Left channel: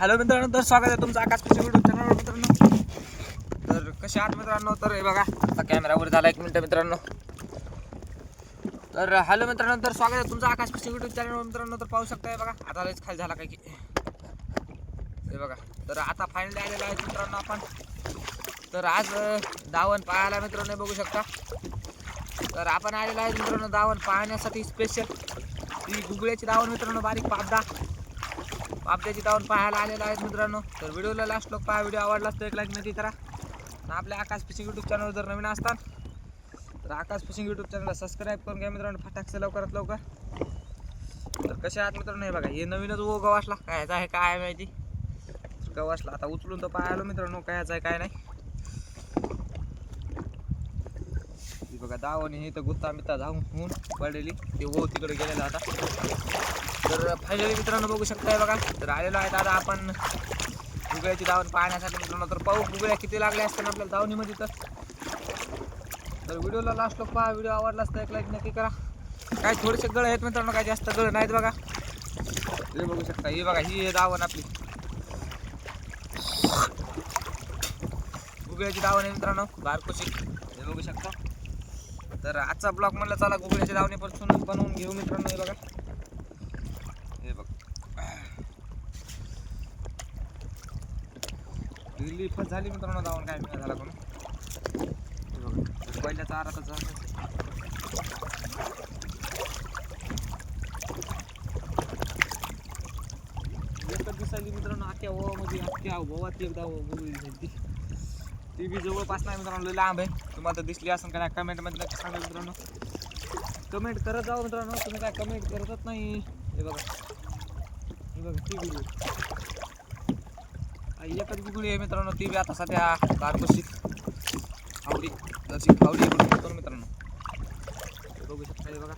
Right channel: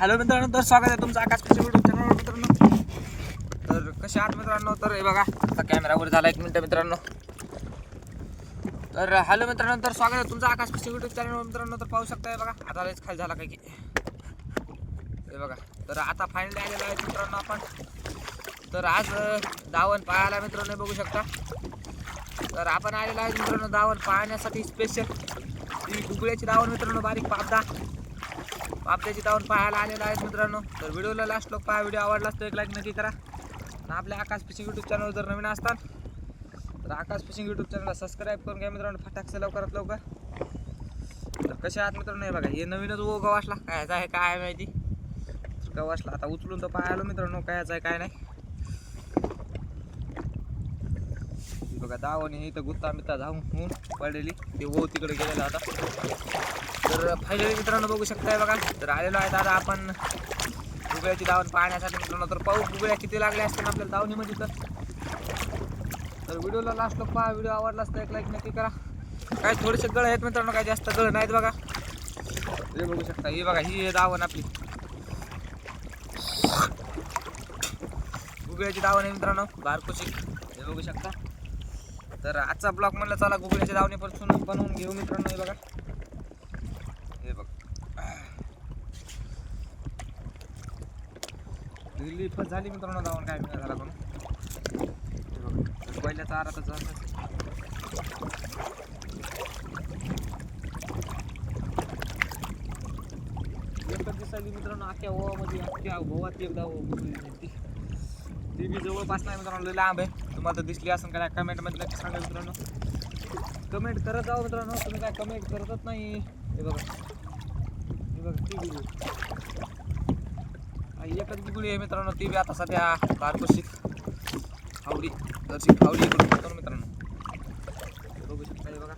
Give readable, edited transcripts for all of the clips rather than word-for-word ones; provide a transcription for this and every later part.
Hello मित्रांनो, तर स्वागत आहे तुमचं आकाश फिशिंग यूट्यूब चॅनलवर मित्रांनो. तर कसे आहात मित्रांनो? तर हे बघा, आता कॅमेरावर झाला 1 मिनिट मित्रांनो. तर हॅलो मित्रांनो, तर स्वागत आहे तुमचं आकाश फिशिंग यूट्यूब चॅनलवर मित्रांनो. तर पाहू शकताय बघा, आता लयच खाली झाला काय की हे बघा. तर आता फायनली आलेला आहे मित्रांनो आपण. तर आज दावण पाहायला मित्रांनो बघू शकता. तर आपण आलेला आहे मित्रांनो दावण पाहण्यासाठी स्पेशल. ही गुगळ्याची दावण मित्रांनो, बारीक पापड्याची दावण पाहायला आलेला आहेत मित्रांनो. तर व्हिडिओला लास्ट लोक पहा. व्हिडिओ आवडला तर एक लाईक नक्की करा. आणि आपल्या आकाश फिशिंग यूट्यूब चॅनल जर नवीन असतात तर आकाश फिशिंग यूट्यूब चॅनलला सबस्क्राईब करून घ्या मित्रांनो, फटाकसे लवकरात लवकर. तर कसे आहात मित्रांनो? हे बघा, हे नवीनच गवासला कायचा आहे काय माहिती. गवासला आता उचलून तर पाहायला मित्रांनो कायचा आहे काय नाही. बघा दावण हे इथं गुत्ता मित्ता जाऊन पडलेली ते तिकडे गेलेला आता. तर फायनली मित्रांनो बघू शकताय बघा. तर आलेलो आहे दादा आपण गुगळ्याची दावण पाहण्यासाठी मित्रांनो. तर पाहू गुगळ्या किती लागल्या असतील आपल्याला दावणीमध्ये. तर व्हिडिओला लास्ट लोक पहा. व्हिडिओ आवडला तर एक लाईक नक्की करा. काय थोडेसे गळ आहेत मित्रांनो, काय जास्त गळ नाहीत बघा. हे बघू शकता, ही बघा ही दावण आपली गुगळ्याची दावण आहे मित्रांनो, बारकोची. हे बघू शकता. तर आजचा ब्लॉग म्हणलं चला गुगळ्याच्या दावणीपासून बनवून घेऊ मित्रांनो. हे बघा, हे बघ दिल्ली फस झाली मित्रांनो दावण, काय मिळा झाला कोण. हे बघा पहिल्या चारातच एकच दिसायली मित्रांनो. अख्ख्या ओवामध्ये अख्ख्या ओवात एकदा गुगळी दिसली. ती बी जवळपास नाही मित्रांनो, लय लांब आहे. तुम्हाला तर दिसली असेल का नाही कमेंटमध्ये नक्की सांगा मित्रांनो. कमेंट करत जाऊ मित्रांनो, तुम्ही काय कमेंट करतच नाही. हे बघा, हे बघा ती गुगळी एकच गुगळी आहे मित्रांनो. ती बी आता सध्या बारकोशी खावडी जरशी खावडी इकडून करतो मित्रांनो. बघू शकता हे बघा.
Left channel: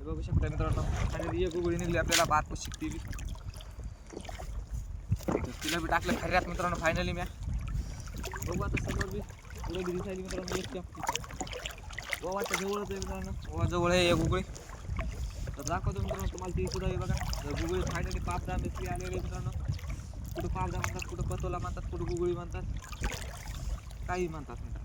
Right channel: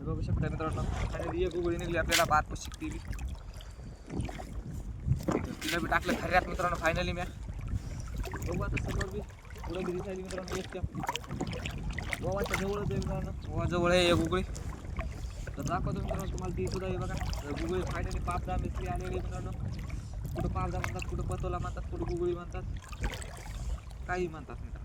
बघू शकता मित्रांनो, आणि एक गुगळी निघली आपल्याला बारकोशी. ती बी तिला बी टाकलं खऱ्यात मित्रांनो फायनली. म्या बघू आता समोर बी पुढे बी दिसायली मित्रांनो. एक गोवाच्या जवळच आहे मित्रांनो, गोवा जवळ आहे एक गुगळी. तर दाखवतो मित्रांनो तुम्हाला ती सुद्धा. हे बघा, तर गुगळी फायनली पापदा मिसली आलेली मित्रांनो. कुठं पापदा म्हणतात, कुठं पतोला म्हणतात, कुठं गुगळी म्हणतात, काही म्हणतात मित्रांनो.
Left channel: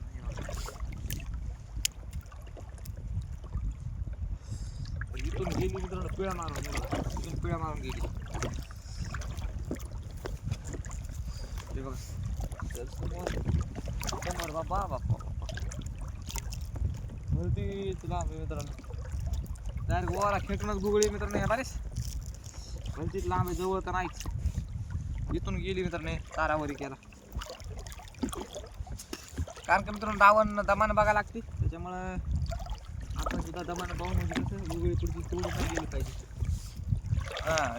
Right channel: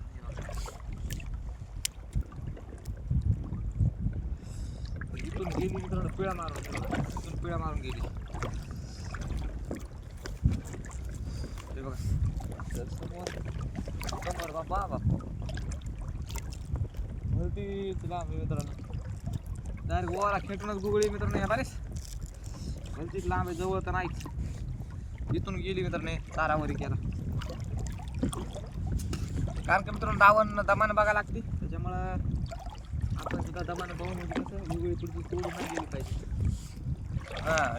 इथून गेली मित्रांनो पिळा मारून, इथून पिळा मारून गेली. हे बघा, तर समोर बाबा भरतीच लांब आहे मित्रांनो. डायरेक्ट गोवाला खेटूनच गुगळी मित्रांनो. ह्या बारीस भरतीच लांब आहे, जवळ तर नाहीच. इथून गेली मित्रांनो, चारावरी केला. कारण की मित्रांनो दावण दमानं बघायला लागते, त्याच्यामुळं आपण सुद्धा दमानं पाहून म्हणजे कसं गुगळी पुढची तोडून नाही गेली पाहिजे.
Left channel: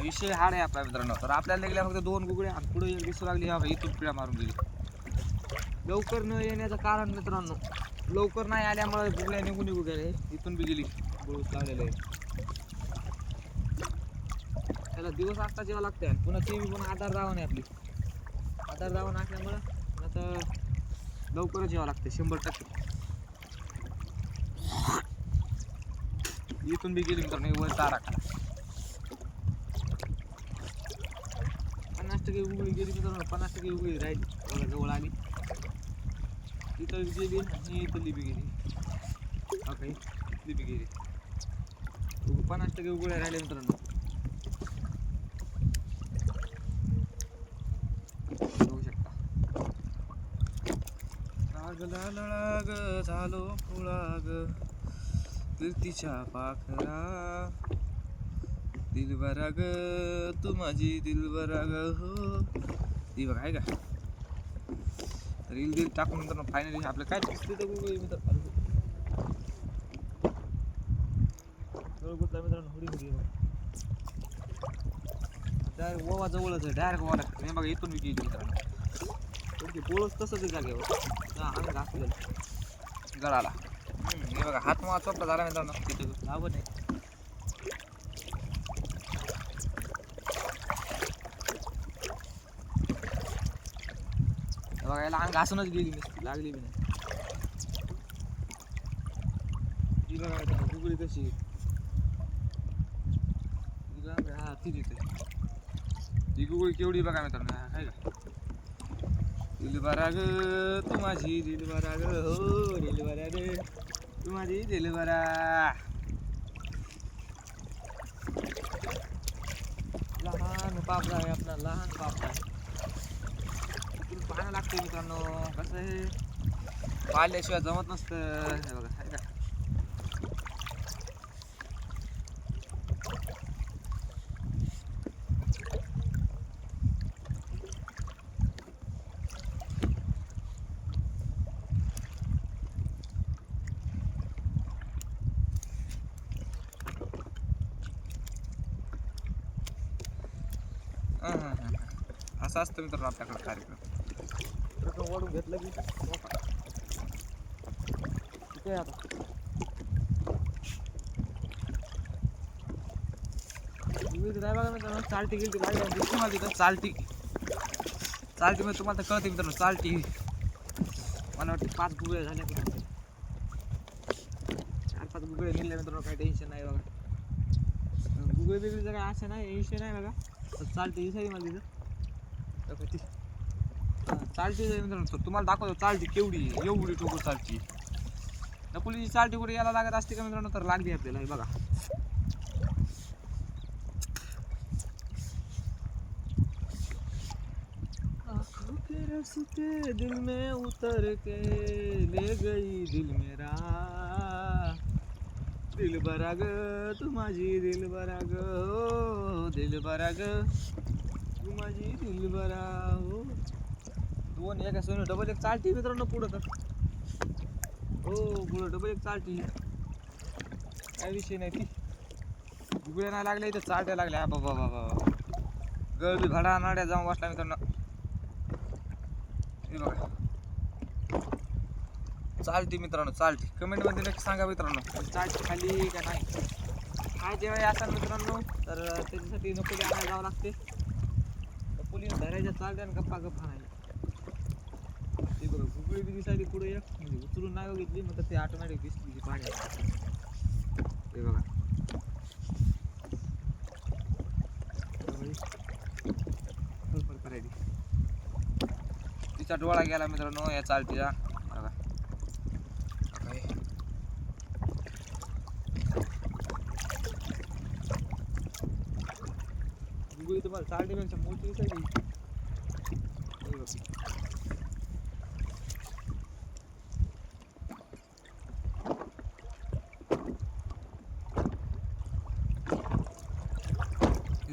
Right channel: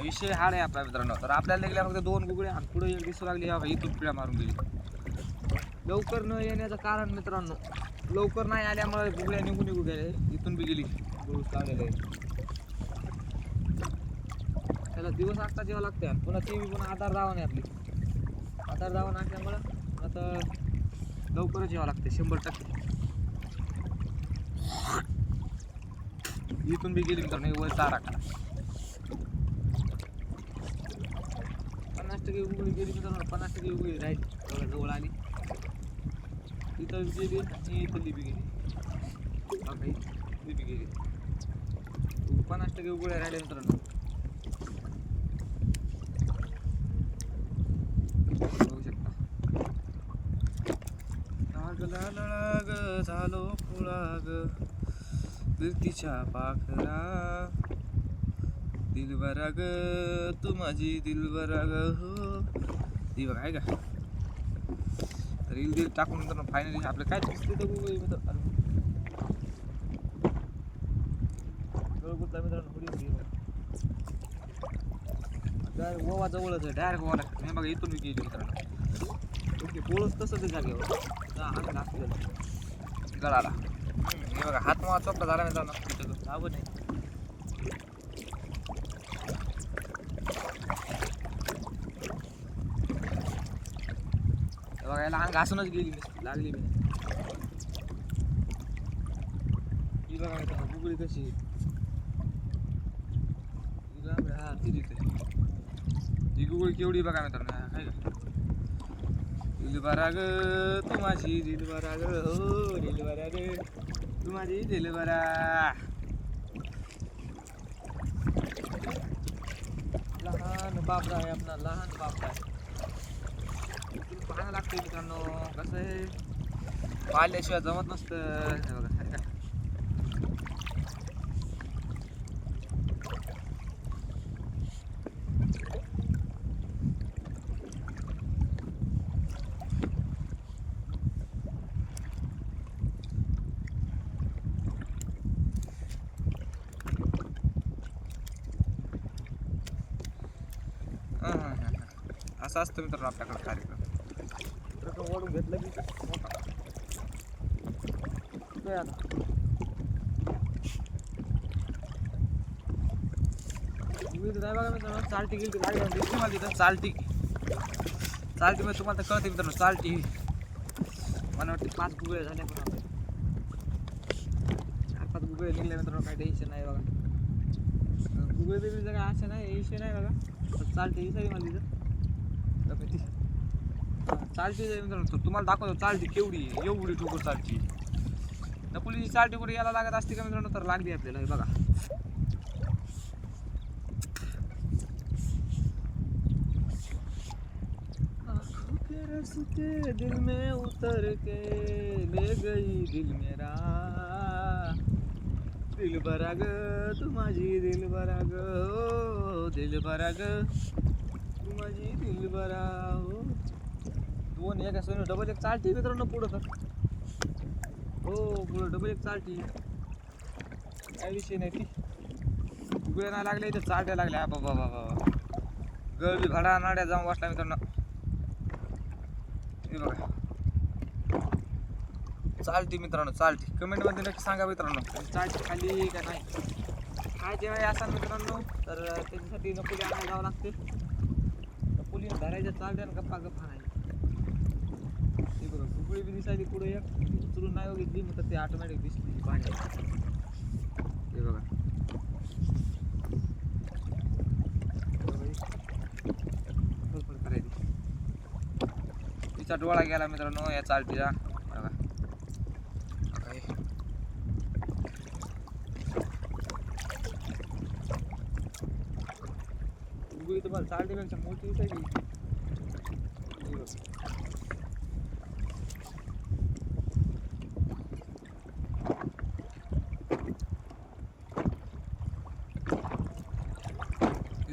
विषय हाड आहे आपला मित्रांनो. तर आपल्याला लागल्या फक्त 2 गुगळ्या आणि पुढे एक दिसू लागली. हा इथून पिळा मारून गेली. लवकर न येण्याचं कारण मित्रांनो, लवकर नाही आल्यामुळे गुगळ्या निघून गेले. इथून बी गेली, बुळूस लागलेलं आहे. त्याला दिवस आत्ता जेव्हा लागते आणि पुन्हा ती बी पुन्हा आधार दावण आहे आपली. आधार दावण असल्यामुळं आता लवकरच यावं लागते 100%. इथून बी गेली मित्रांनो, वर चारा करा. 50% उघडी गेली मित्रांनो, 50% उघडी राहिली. बघा जवळ आली, तिथं बी गेली आणि इथली बी गेली. काही इथली बी गेली. 50% उघड्या राहिले मित्रांनो. बघू शकता. लागला लळाग झालो फुळाग तिच्या पाखरा दिलबरा ग तू माझी दिलबरा ग हो. ती बघा आहे का. रील दिल टाकून मित्रांनो फायनली आपलं काय दिसते तर गुगळी मित्रांनो. मित्रांनो हुडी हुडी डायरेक्ट ओवा जवळच आहे. डायरेक्ट ओवा लागतं. हे बघा इथून बी गेली मित्रांनो. बोळच तसंच जागेवर अंग घासलेलं गळाला. हे बघा हात मावा चोपडा झाला मित्रांनो. तिथं जावं नाही. बघा याला अंग घासूनच गेली, लागली बी नाही. ही बघा मित्रांनो गुगळी कशी हा ती तिथे ही गुगळी केवढी बघा मित्रांनो काय का दिलबरा ग तू माझी दिलबरा ग हो दिलबरा ग तू माझी दिलबरा लहान बापरा आहे आपला लहान बापरा आहे इथून पाहायला लागते मित्रांनो कसं आहे पाहिल्याशिवाय जमत नसतं हे बघा आहे का असं असतं मित्रांनो आपल्याकडे कार्यक्रम रक्कम वाढून घेतलं की काय आता नाही बघा मित्रांनो चालटी गेली लागली दिसली मला तिथं चालटी मध्ये तुम्हाला तर कळते मित्रांनो चालटी मला वाटते 5 गुगळे झाल्या पण 4-5 गुगळे निघले मित्रांनो काही टेन्शन नाही बघा गुगळे बिगळे जगा असं नाही विषय नाही बघा चालटी दिसायली मला तिथं चालती मित्रांनो तुम्हाला दाखवतो चालती केवढी एवढी ठोकर चालती नकुलीची चालती कुठे यायला लागत असते का मित्रांनो तर लागली आपल्याला हे बघा आँखों के रास्ते दिल में उतर के ले गई दिल मेरा दिल भरा ग तू माझी दिल भरा ग हो दिल भरा ग तू माझी दिल भरा हो दोन एका सोनी डबल एक चालती मित्रांनो पुढं तर हो पुढं डबल एक चालती काय विषय नाही ती गुगळ्या नाही लागल्या इथं चालट्या लागल्या बाबा बाबा गळबी भाडा नाड्या जाऊन बसला मित्रांनो हे बघा चालती मित्रांनो चालती कमेंट मध्ये नक्की सांगा मित्रांनो चालती खाली का नाही काय जेव्हा असाल मित्रांनो तर त्याच्यासाठी नकोली आणायला जावं लागते नकोलीनं धरायच्या चालत्या आणि गप्पा गप्पा नाही ते बघा गुगळी बी दिसायली पुढे एक म्हणजे उचलून नाही घेतली मग ते ऑटोमॅटिक दिसली पाण्यात हे बघा फडफड करायची तिचा डोळा गेला मित्रांनो या चालतीचा बघा गुगळी तुम्हाला चालतीपेक्षा मोठी दिसायली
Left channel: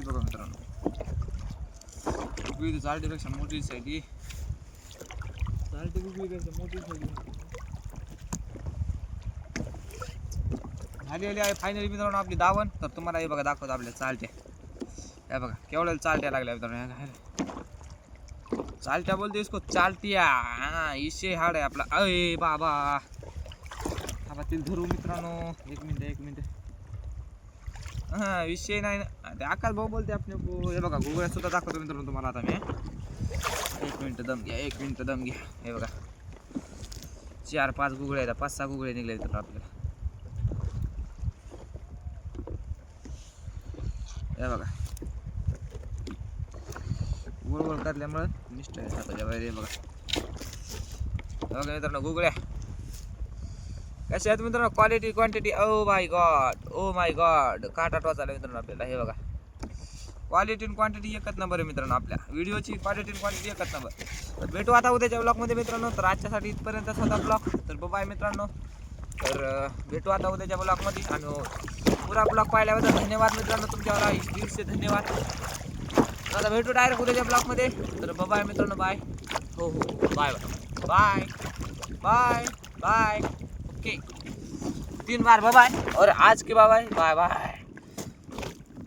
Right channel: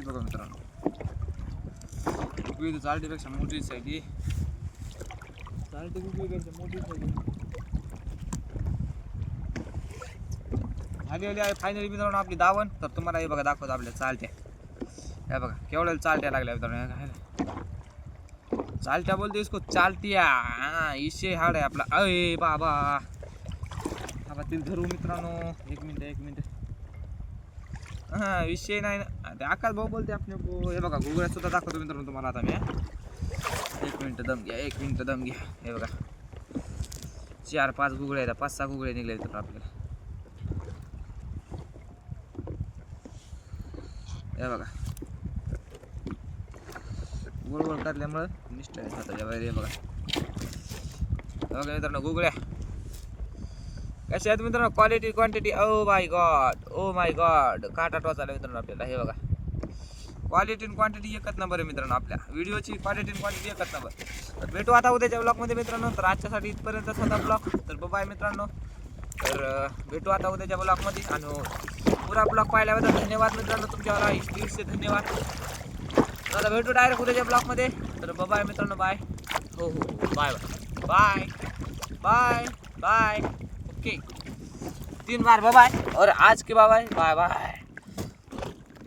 बघा मित्रांनो गुगळी तर चालटीपेक्षा मोठी दिसायली चालटी गुगळीपेक्षा मोठी दिसायली झाली आहे फायनली मित्रांनो आपली दावण तर तुम्हाला हे बघा दाखवतो आपल्या चालत्या हे बघा केवढ्या चालट्या लागल्या मित्रांनो चालट्या बोलते इसको चालटिया हा इशे हाड आहे आपला अय बाबा बाबा तिला धरू मित्रांनो एक मिनिट हा विषय नाही ना ते आकाश भाऊ बोलते आपण हे बघा गुगळ्या सुद्धा दाखवतो मित्रांनो तुम्हाला आता मी एक मिनिट दम घ्या हे बघा 4-5 गुगळे आहेत 5-6 गुगळे निघले तर आपल्याला हे बघा गोल गोल करल्यामुळे निष्ठ आहे हाताच्या बाहेर हे बघा मित्रांनो गुगळ्या कशा आहेत मित्रांनो quality quantity oh my God काटा टोचायला मित्रांनो आपल्याला हे बघा क्वालिटी आणि क्वांटिटी एकच नंबर आहे मित्रांनो आपल्या व्हिडिओची क्वालिटी आणि क्वांटिटी एकच नंबर तर भेटू आता उद्याच्या ब्लॉगमध्ये मित्रांनो तर आजच्यासाठी इथपर्यंत होता ब्लॉग तर बाय मित्रांनो तर भेटू आता उद्याच्या ब्लॉगमध्ये आणि पुरा ब्लॉग पाहिल्याबद्दल धन्यवाद मित्रांनो तुमच्याला दिवशी धन्यवाद आता भेटू डायरेक्ट उद्याच्या ब्लॉगमध्ये तर बाय मित्रांनो बाय हो bye bye bye bye okay 3 बार बाय और आज के बाय बाय बाय